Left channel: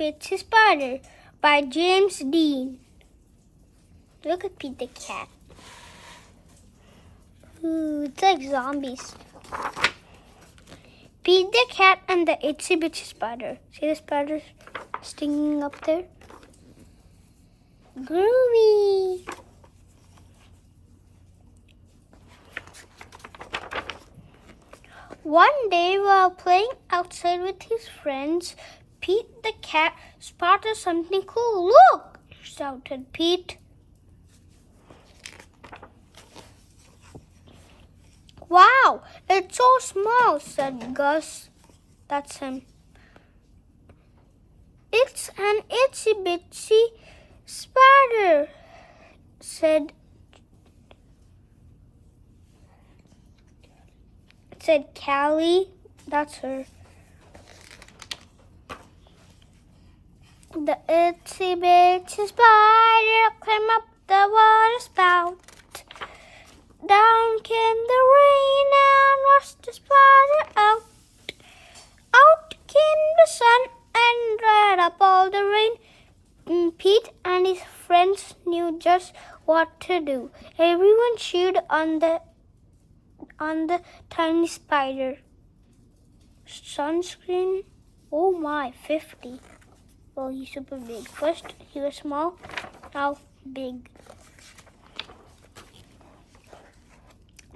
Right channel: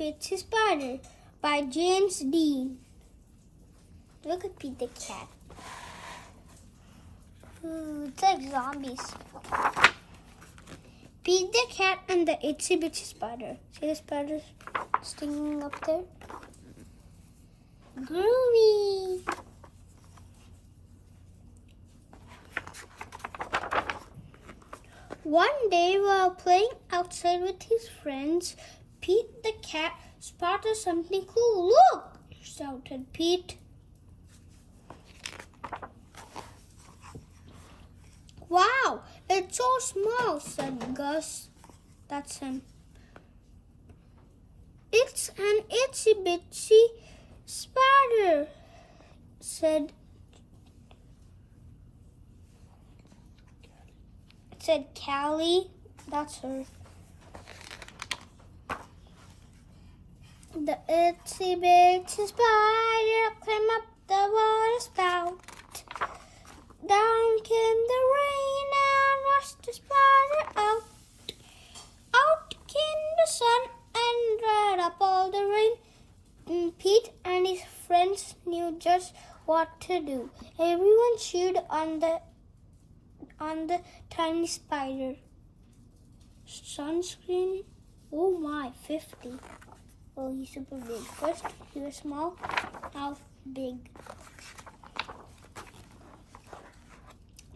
Bitsy Spider by James Dean. Look at Pete the cat. Ooh, it's like zombies. Pete the cat and the Itsy Bitsy Spider. See the spiders stinging up there? Groovy. One day while playing outside with his friends, Pete the cat spotted something cool. Look! Shouted Pete. Wow, it's so small, said Gus. That's him. It's an itsy bitsy spider, said Callie. That's her. The itsy bitsy spider climbed up the water spout. Down came the rain and washed the spider out. Out came the sun and dried up all the rain. Pete and his friends knew just what to do. Everyone cheered on the tiny spider. Sunscreen? Oh my, 50. Well, he's super big. First he was small, now big.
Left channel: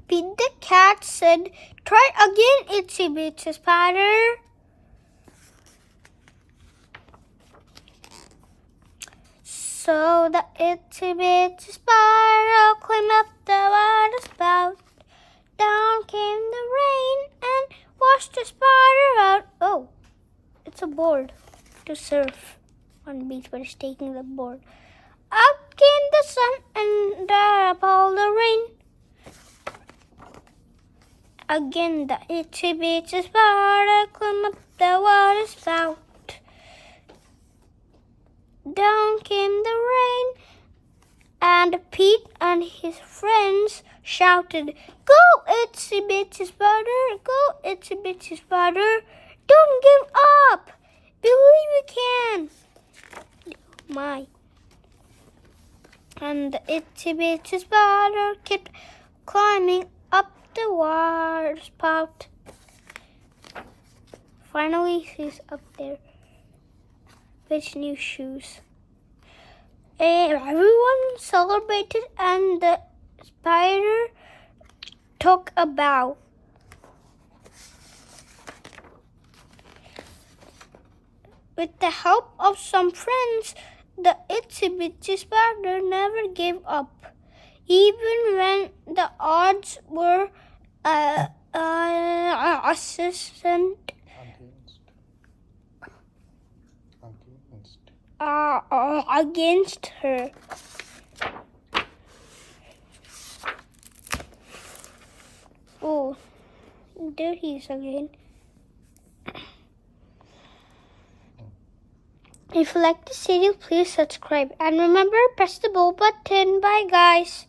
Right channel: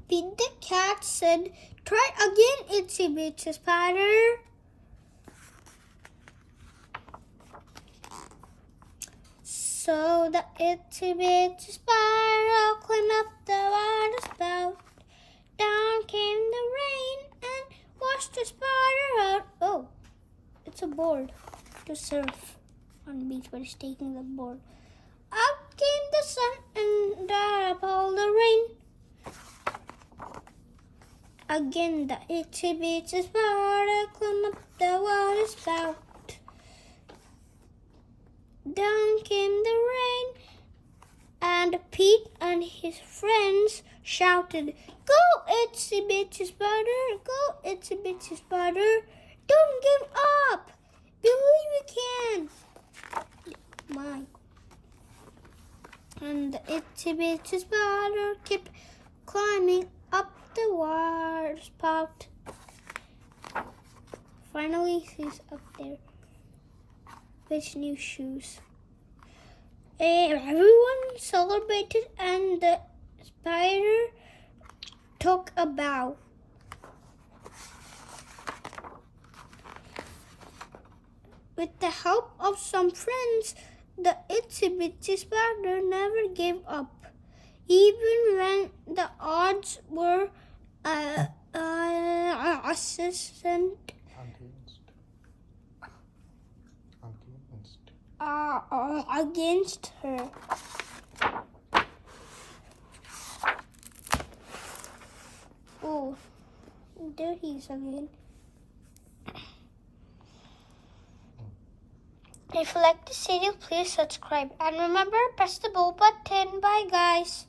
Pete the cat said, "Try again, Itsy Bitsy Spider." So the Itsy Bitsy Spider climbed up the water spout. Down came the rain and washed the spider out. Oh, it's a board to surf on the beach, but it's taking the board. Up came the sun and dried up all the rain. Again the Itsy Bitsy Spider climbed up the water spout. Down came the rain, and Pete and his friends shouted, "Go, Itsy Bitsy Spider! Go, Itsy Bitsy Spider! Don't give up! Believe you can!" My. And the Itsy Bitsy Spider kept climbing up the water spout. Finally, he's up there with new shoes. Everyone celebrated and the spider took a bow. With the help of some friends, the Itsy Bitsy Spider never gave up. Even when the odds were against her. Oh, there he is again. If you like this video, please subscribe. And remember, press the bell button. Bye, guys.